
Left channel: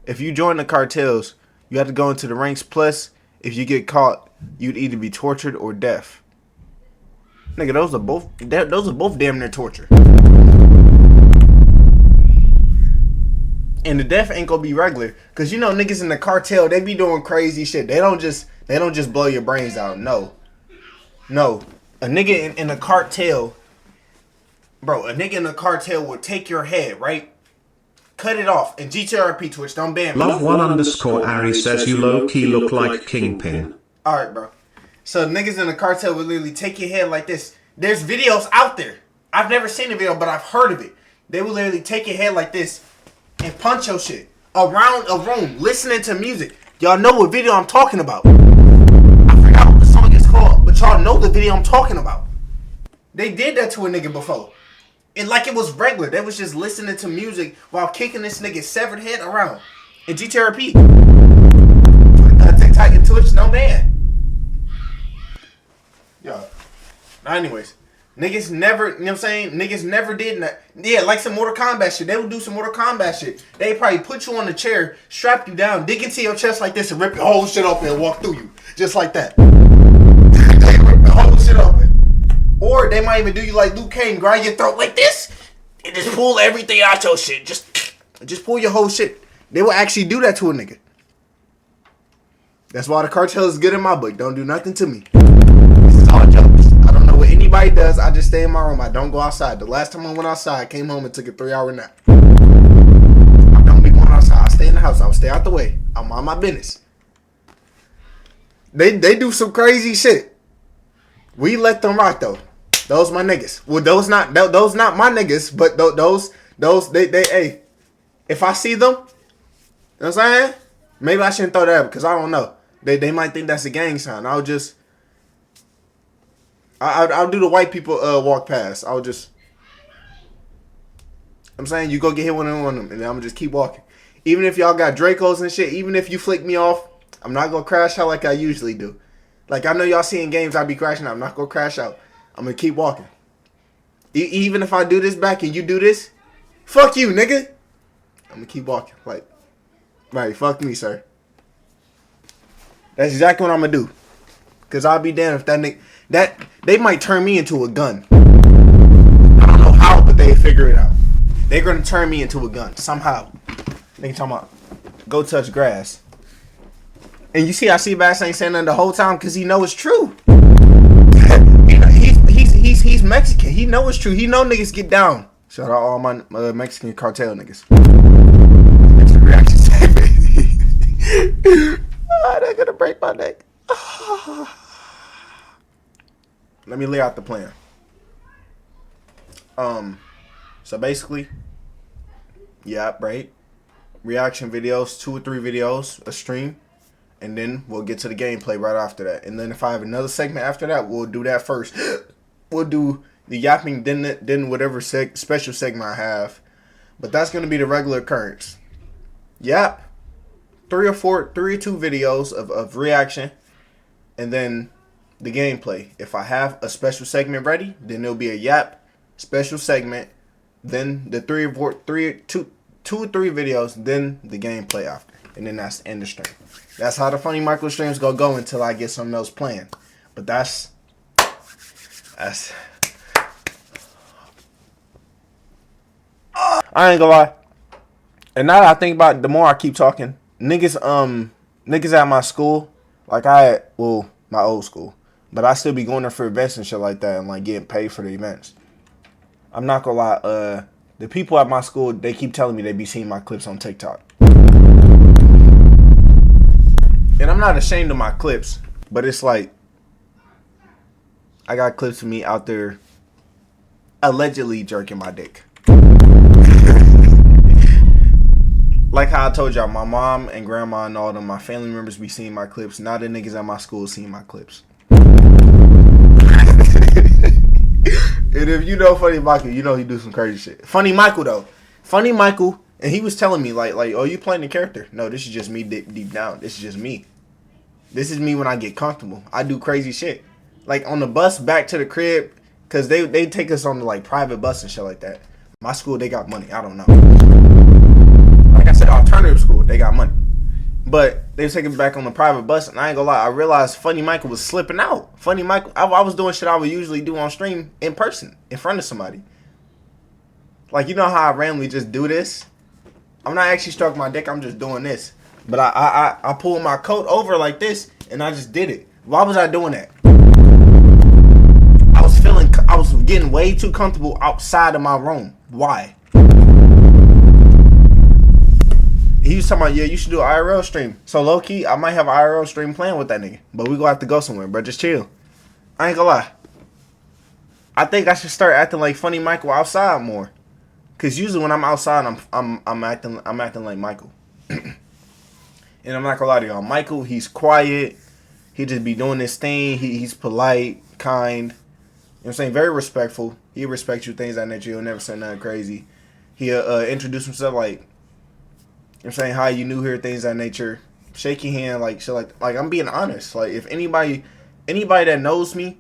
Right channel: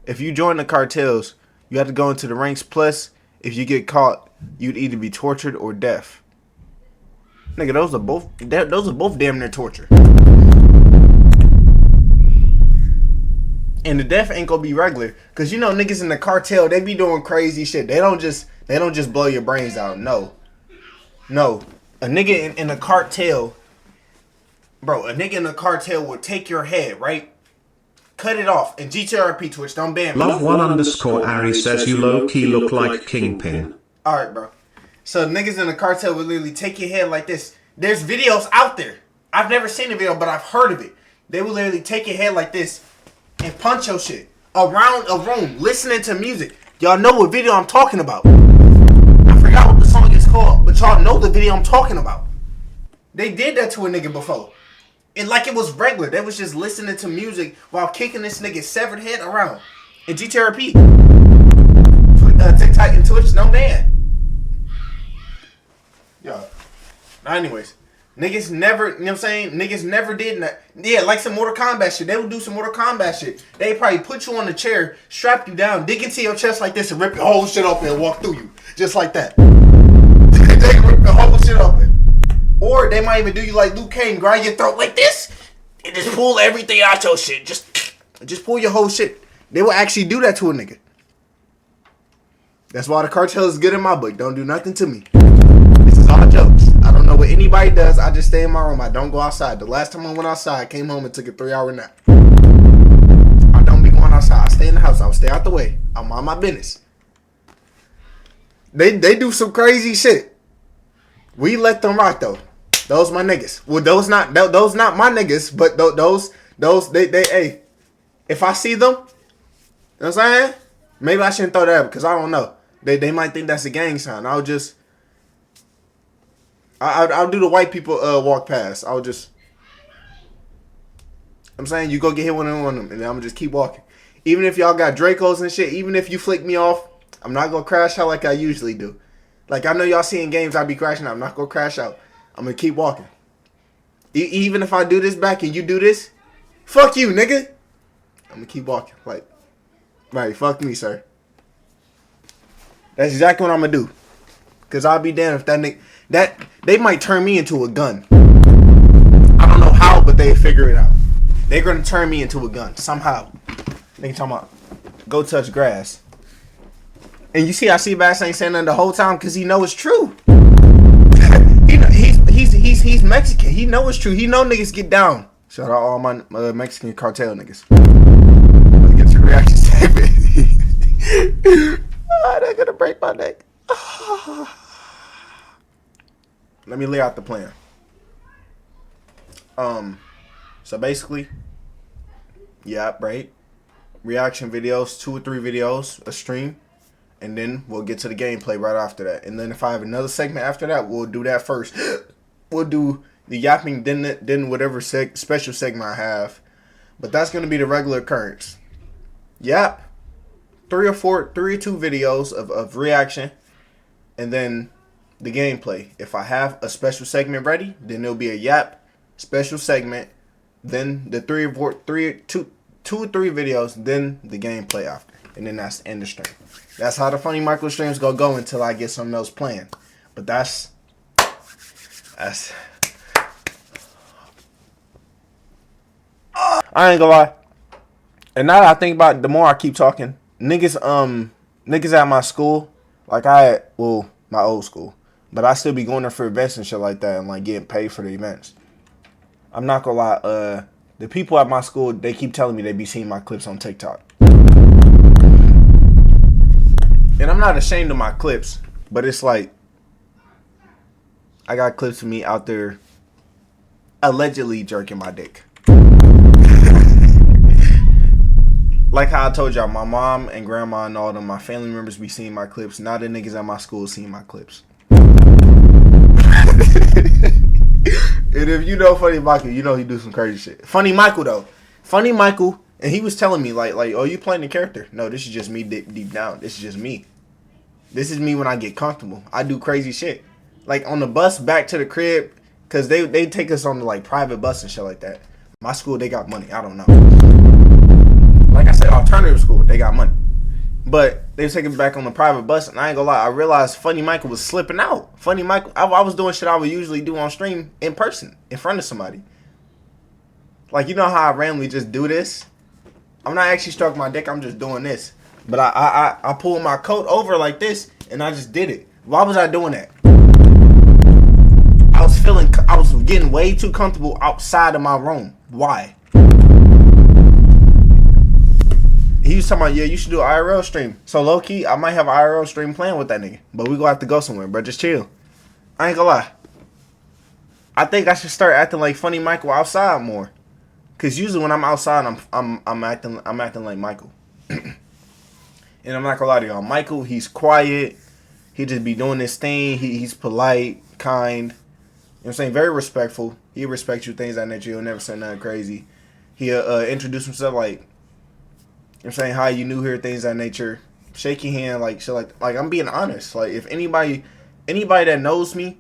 If you join the cartels, you have to go into the ranks. Plus, if you get caught, you'd either be tortured or deaf. Nigga, those are both damn near torture. And the death ain't gonna be regular. Cause you know niggas in the cartel, they be doing crazy shit. They don't just blow your brains out. No. A nigga in a cartel, bro, a nigga in a cartel will take your head, right? Cut it off. And GTRP Twitch, don't ban me. Love1_Ari says you low-key look like Kingpin. Alright, bro. So niggas in the cartel will literally take your head like this. There's videos out there. I've never seen a video, but I've heard of it. They will literally take your head like this and punch your shit around a room listening to music. Y'all know what video I'm talking about. I forgot what the song is called, but y'all know the video I'm talking about. They did that to a nigga before. And like it was regular. They was just listening to music while kicking this nigga's severed head around. And GTRP. TikTok and Twitch, no man. Yo. Now anyways. Niggas never, you know what I'm saying? Niggas never did that. Yeah, like some Mortal Kombat shit. They would do some Mortal Kombat shit. They probably put you on the chair, strap you down, dig into your chest like this and rip your whole shit open and walk through you. Just like that. They rip the whole shit open. Or they might even do you like Luke Cage, grind your throat like this and just pull everything out your shit. Just pull your whole shit. They will actually do that to a nigga. That's why the cartel is good in my book. Don't do nothing to me. This is all jokes. I don't know what anybody does. I just stay in my room. I don't go outside. The last time I went outside, I came home and took a 3-hour nap. I don't be going outside. I stay in the house. I'll stay out the way. I'm on my business. They do some crazy shit. We let them rock though. Those my niggas. Well, those not my niggas, but those they hey. If I see them, you know what I'm saying? Maybe I shouldn't throw that up because I don't know. They might think that's a gang sign. I'll do the white people walk past. I'm saying you go get hit with one of them, and I'm gonna just keep walking. Even if y'all got Dracos and shit, even if you flick me off, I'm not gonna crash out like I usually do. Like I know y'all see in games I be crashing out. I'm not gonna crash out. I'm gonna keep walking. Even if I do this back and you do this, fuck you, nigga. I'm gonna keep walking. Like, right, fuck me, sir. That's exactly what I'm gonna do. Cause I'll be damned if that nigga they might turn me into a gun. I don't know how, but they figure it out. They're gonna turn me into a gun somehow. They talking about go touch grass. And you see how Seabass ain't saying nothing the whole time because he know it's true. He's Mexican. He know it's true. He know niggas get down. Shout out all my Mexican cartel niggas. Let's get your reaction statement. They're gonna break my neck. Let me lay out the plan. So basically, yeah, right. Reaction videos, 2 or 3 videos, a stream, and then we'll get to the gameplay right after that. And then if I have another segment after that, we'll do that first. We'll do the yapping, then whatever special segment I have. But that's gonna be the regular occurrence. Yap, 3 or 2 videos of reaction, and then the gameplay. If I have a special segment ready, then there'll be a yap special segment, then the 2 or 3 videos, then the gameplay after, and then that's the end of stream. That's how the FvnnyMicol's streams gonna go until I get something else planned. But that's I ain't gonna lie. And now that I think about it, the more I keep talking, niggas at my school, like my old school, but I still be going there for events and shit like that and like getting paid for the events. I'm not gonna lie, the people at my school, they keep telling me they be seeing my clips on TikTok. And I'm not ashamed of my clips, but it's like I got clips of me out there allegedly jerking my dick. Like how I told y'all, my mom and grandma and all them, my family members be seeing my clips. Now the niggas at my school seeing my clips. And if you know FvnnyMical, you know he do some crazy shit. FvnnyMical though. FvnnyMical, and he was telling me like, oh, you playing the character? No, this is just me deep down. This is just me. This is me when I get comfortable. I do crazy shit. Like on the bus back to the crib, cause they take us on the like private bus and shit like that. My school, they got money. I don't know. Like I said, alternative school, they got money. But they was taking me back on the private bus, and I ain't gonna lie, I realized FvnnyMical was slipping out. FvnnyMical, I was doing shit I would usually do on stream in person, in front of somebody. Like, you know how I randomly just do this? I'm not actually stroking my dick. I'm just doing this. But I pulled my coat over like this, and I just did it. Why was I doing that? I was getting way too comfortable outside of my room. Why? He was talking about, yeah, you should do an IRL stream. So low key, I might have an IRL stream playing with that nigga. But we gonna have to go somewhere, bro. Just chill. I ain't gonna lie. I think I should start acting like Funny Michael outside more. Cause usually when I'm outside, I'm acting like Michael. And I'm not gonna lie to y'all. Michael, he's quiet. He just be doing his thing. He's polite, kind. You know what I'm saying? Very respectful. He respects you, things like that. He'll never say nothing crazy. He'll introduce himself like, you know what I'm saying, hi, you new here, things of that nature. Shake your hand, like shit like I'm being honest. Like if anybody that knows me,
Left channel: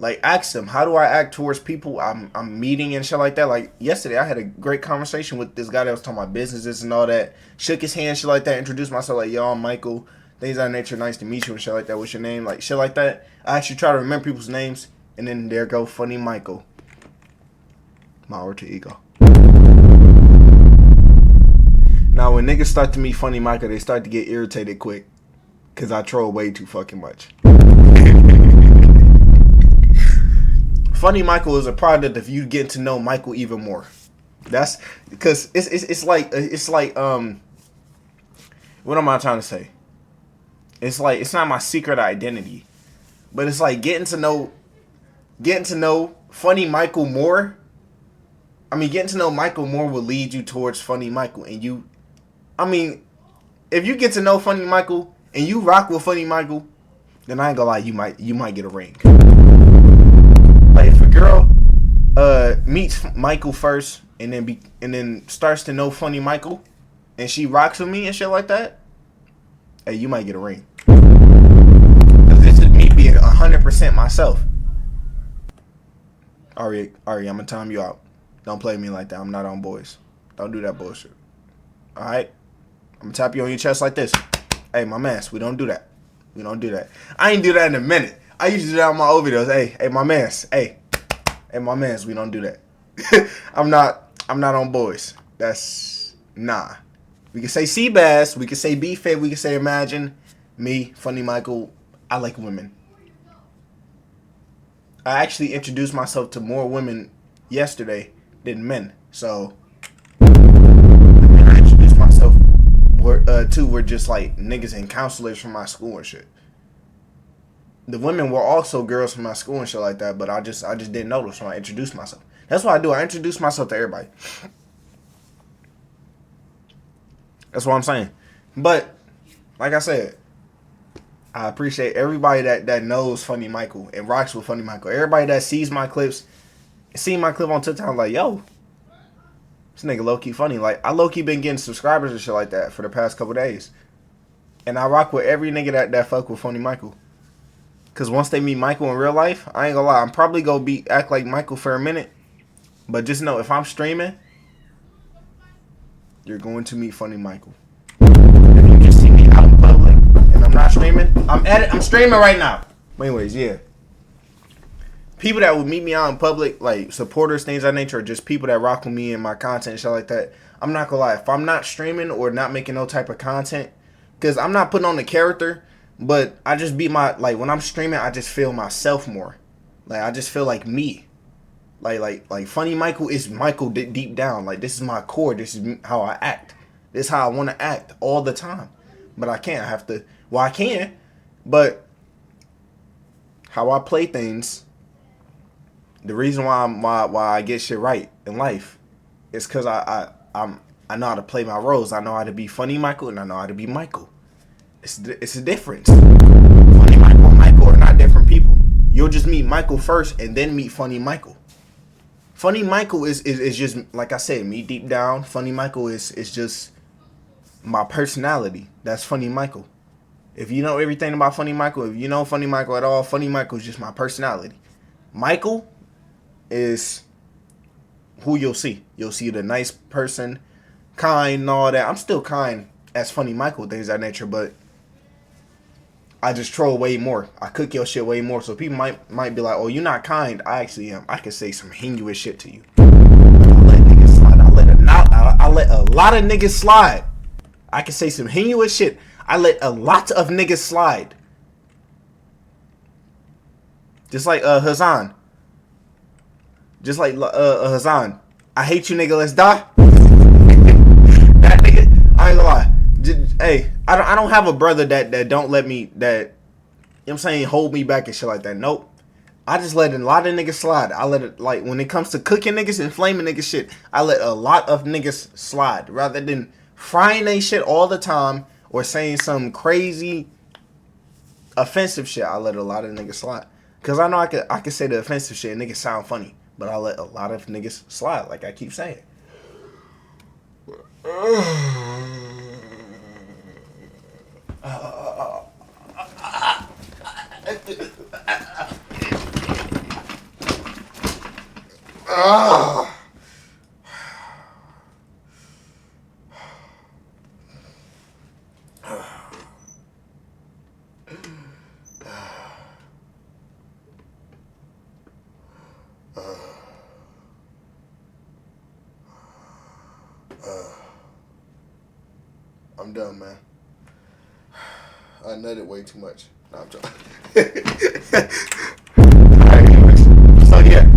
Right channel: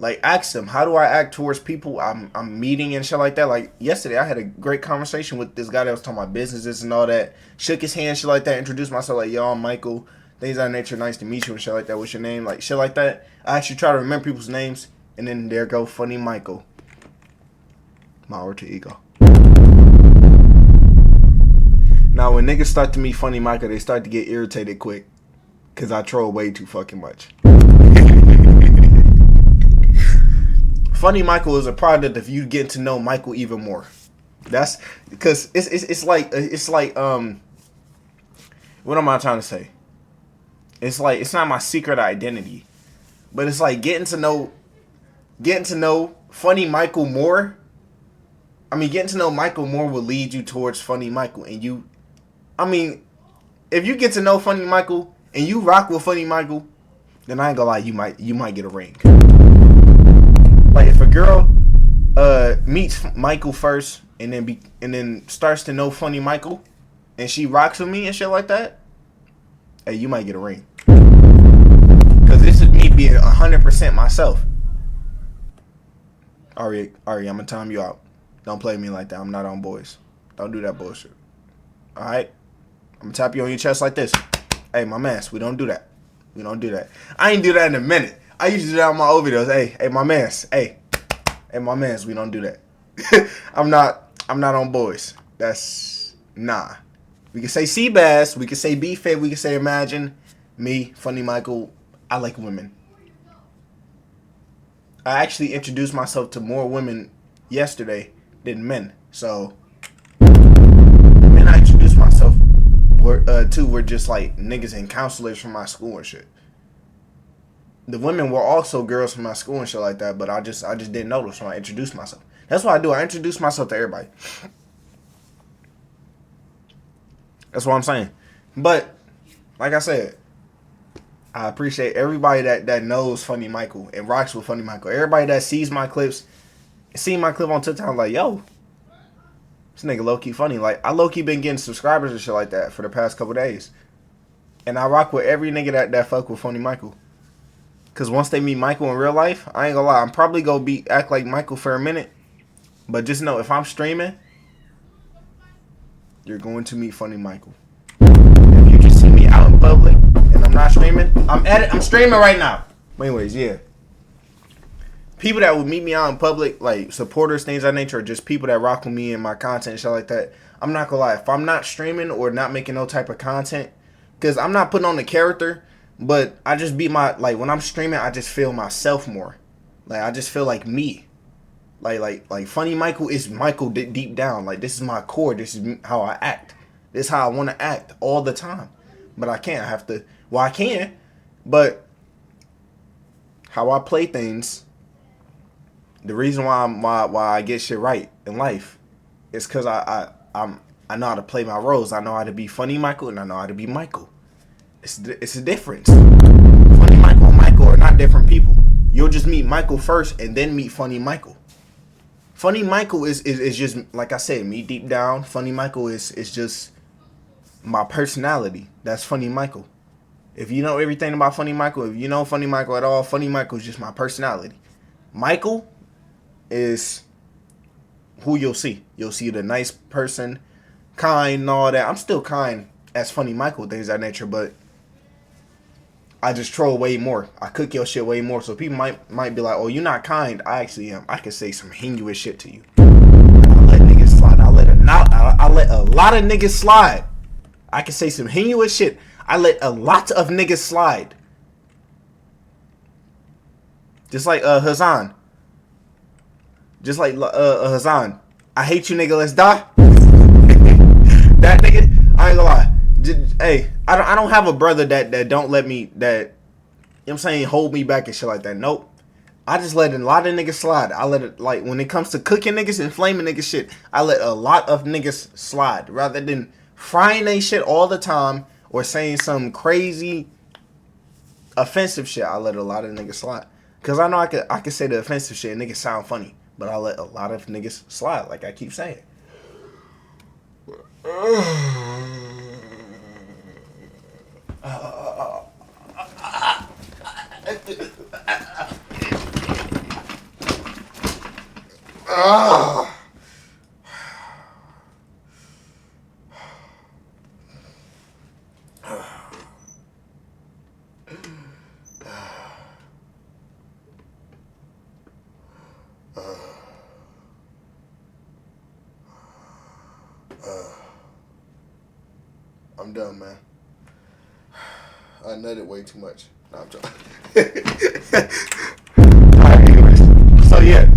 like ask them, how do I act towards people I'm meeting and shit like that? Like yesterday I had a great conversation with this guy that was talking about businesses and all that. Shook his hand, shit like that, introduced myself like, yo, I'm Michael. Things of that nature, nice to meet you and shit like that. What's your name? Like shit like that. I actually try to remember people's names, and then there go Funny Michael. My alter ego. Now when niggas start to meet Funny Michael, they start to get irritated quick. Cause I troll way too fucking much. Funny Michael is a product of you getting to know Michael even more. That's because it's like what am I trying to say? It's like it's not my secret identity, but it's like getting to know Funny Michael more. I mean, getting to know Michael more will lead you towards Funny Michael, and you. I mean, if you get to know Funny Michael and you rock with Funny Michael, then I ain't gonna lie, you might get a ring. Like if a girl meets Michael first and then starts to know Funny Michael and she rocks with me and shit like that, hey, you might get a ring. Cause this is me being 100% myself. Ari, I'm gonna time you out. Don't play me like that. I'm not on boys. Don't do that bullshit. Alright? I'm gonna tap you on your chest like this. Hey, my mans, we don't do that. We don't do that. I ain't do that in a minute. I used to do that on my old videos. Hey, my mans. Hey, my mans, we don't do that. I'm not on boys. That's nah. We can say Seabass, we can say B-Fit, we can say Imagine. Me, Funny Michael, I like women. I actually introduced myself to more women yesterday than men. So the men I introduced myself to were just like niggas and counselors from my school and shit. The women were also girls from my school and shit like that, but I just didn't notice when I introduced myself. That's what I do. I introduce myself to everybody. That's what I'm saying. But like I said, I appreciate everybody that knows Funny Michael and rocks with Funny Michael. Everybody that sees my clips, see my clip on TikTok, like, yo, this nigga low key funny. Like I low key been getting subscribers and shit like that for the past couple days, and I rock with every nigga that fuck with Funny Michael. Cause once they meet Michael in real life, I ain't gonna lie, I'm probably gonna act like Michael for a minute. But just know, if I'm streaming, you're going to meet Funny Michael. If you just see me out in public and I'm not streaming, I'm streaming right now. But anyways, yeah. People that would meet me out in public, like supporters, things of that nature, or just people that rock with me and my content and shit like that, I'm not gonna lie, if I'm not streaming or not making no type of content, cause I'm not putting on the character, but I just be like when I'm streaming, I just feel myself more. Like I just feel like me. Like Funny Michael is Michael deep down. Like this is my core. This is how I act. This is how I want to act all the time. But I can't. I have to. Well, I can. But how I play things. The reason why I get shit right in life is because I know how to play my roles. I know how to be Funny Michael and I know how to be Michael. It's a difference. Funny Michael and Michael are not different people. You'll just meet Michael first and then meet Funny Michael. Funny Michael is just, like I said, me deep down. Funny Michael is just my personality. That's Funny Michael. If you know everything about Funny Michael, if you know Funny Michael at all, Funny Michael is just my personality. Michael is who you'll see. You'll see the nice person, kind and all that. I'm still kind as Funny Michael, things of that nature, but I just troll way more. I cook your shit way more. So people might be like, oh, you're not kind. I actually am. I can say some heinous shit to you. I let niggas slide. I I let a lot of niggas slide. I can say some heinous shit. I let a lot of niggas slide. Just like Hazan. Just like Hazan. I hate you, nigga. Let's die. That nigga, I ain't gonna lie. Hey, I don't have a brother that don't let me, that, you know what I'm saying, hold me back and shit like that. Nope. I just let a lot of niggas slide. I let it, like, when it comes to cooking niggas and flaming niggas shit, I let a lot of niggas slide rather than frying they shit all the time or saying some crazy offensive shit. I let a lot of niggas slide. Cause I know I could say the offensive shit and niggas sound funny, but I let a lot of niggas slide, like I keep saying. I'm done, man. I nutted way too much. No, I'm joking. Alright, anyways. So yeah.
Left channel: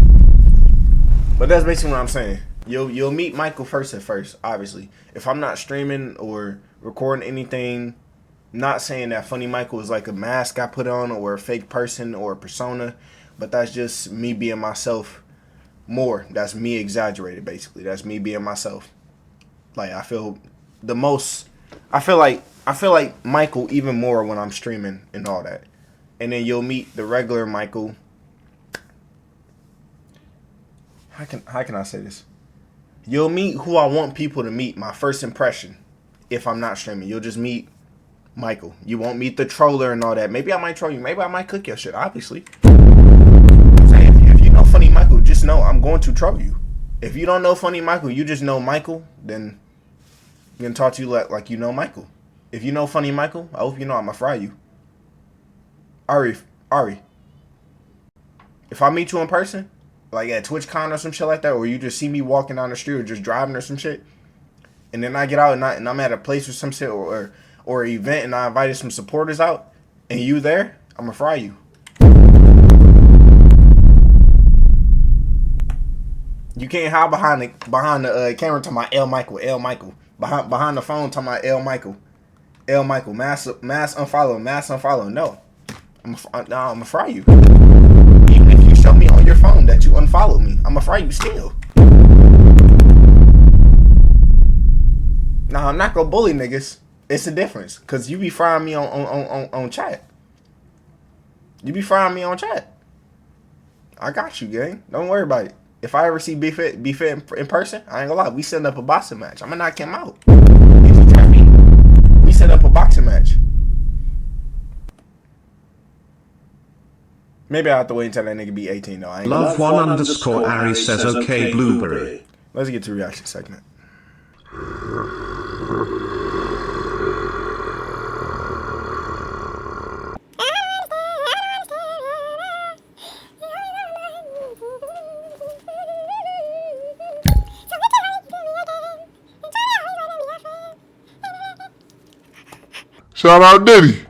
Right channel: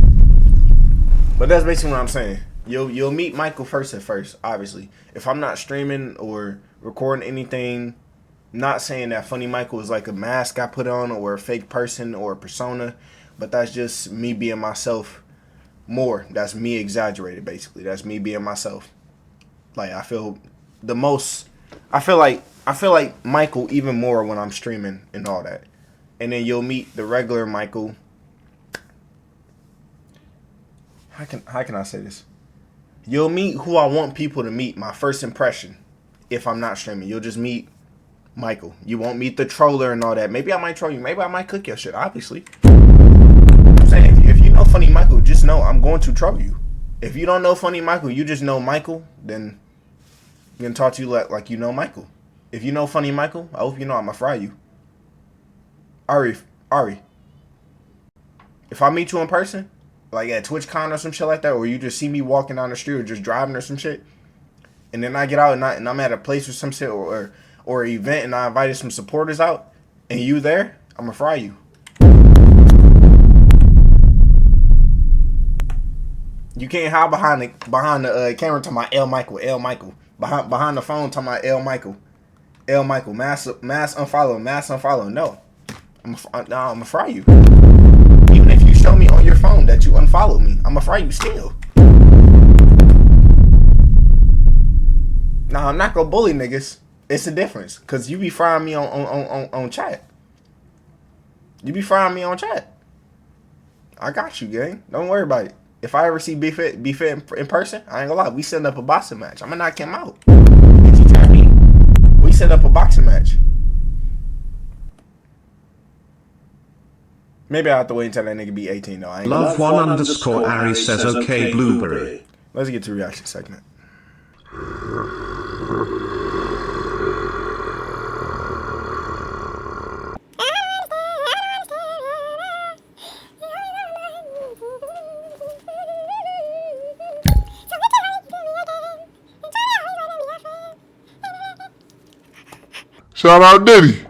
But that's basically what I'm saying. You'll meet Michael first at first, obviously. If I'm not streaming or recording anything, not saying that Funny Michael is like a mask I put on or a fake person or a persona, but that's just me being myself more. That's me exaggerated, basically. That's me being myself. Like I feel like Michael even more when I'm streaming and all that. And then you'll meet the regular Michael. How can I say this? You'll meet who I want people to meet, my first impression. If I'm not streaming, you'll just meet Michael. You won't meet the troller and all that. Maybe I might troll you. Maybe I might cook your shit, obviously. I'm saying, if you know Funny Michael, just know I'm going to troll you. If you don't know Funny Michael, you just know Michael, then I'm going to talk to you like you know Michael. If you know Funny Michael, I hope you know I'm going to fry you. Ari. If I meet you in person, like at TwitchCon or some shit like that, or you just see me walking down the street or just driving or some shit, and then I get out and I'm at a place or some shit or an event and I invited some supporters out, and you there, I'm going to fry you. You can't hide behind the camera talking about L Michael. Behind the phone talking about L Michael, mass unfollow. No, I'm gonna fry you. Even if you show me on your phone that you unfollowed me, I'm gonna fry you still. Nah, I'm not gonna bully niggas. It's a difference, cause you be frying me on chat. You be frying me on chat. I got you, gang. Don't worry about it. If I ever see Be Fit in person, I ain't gonna lie. We set up a boxing match. I'm gonna knock him out. If you try me, we set up a boxing match. Maybe I have to wait until that nigga be 18 though. I ain't Love one underscore Ari says okay blueberry. Let's get to the reaction segment. Shout out Diddy.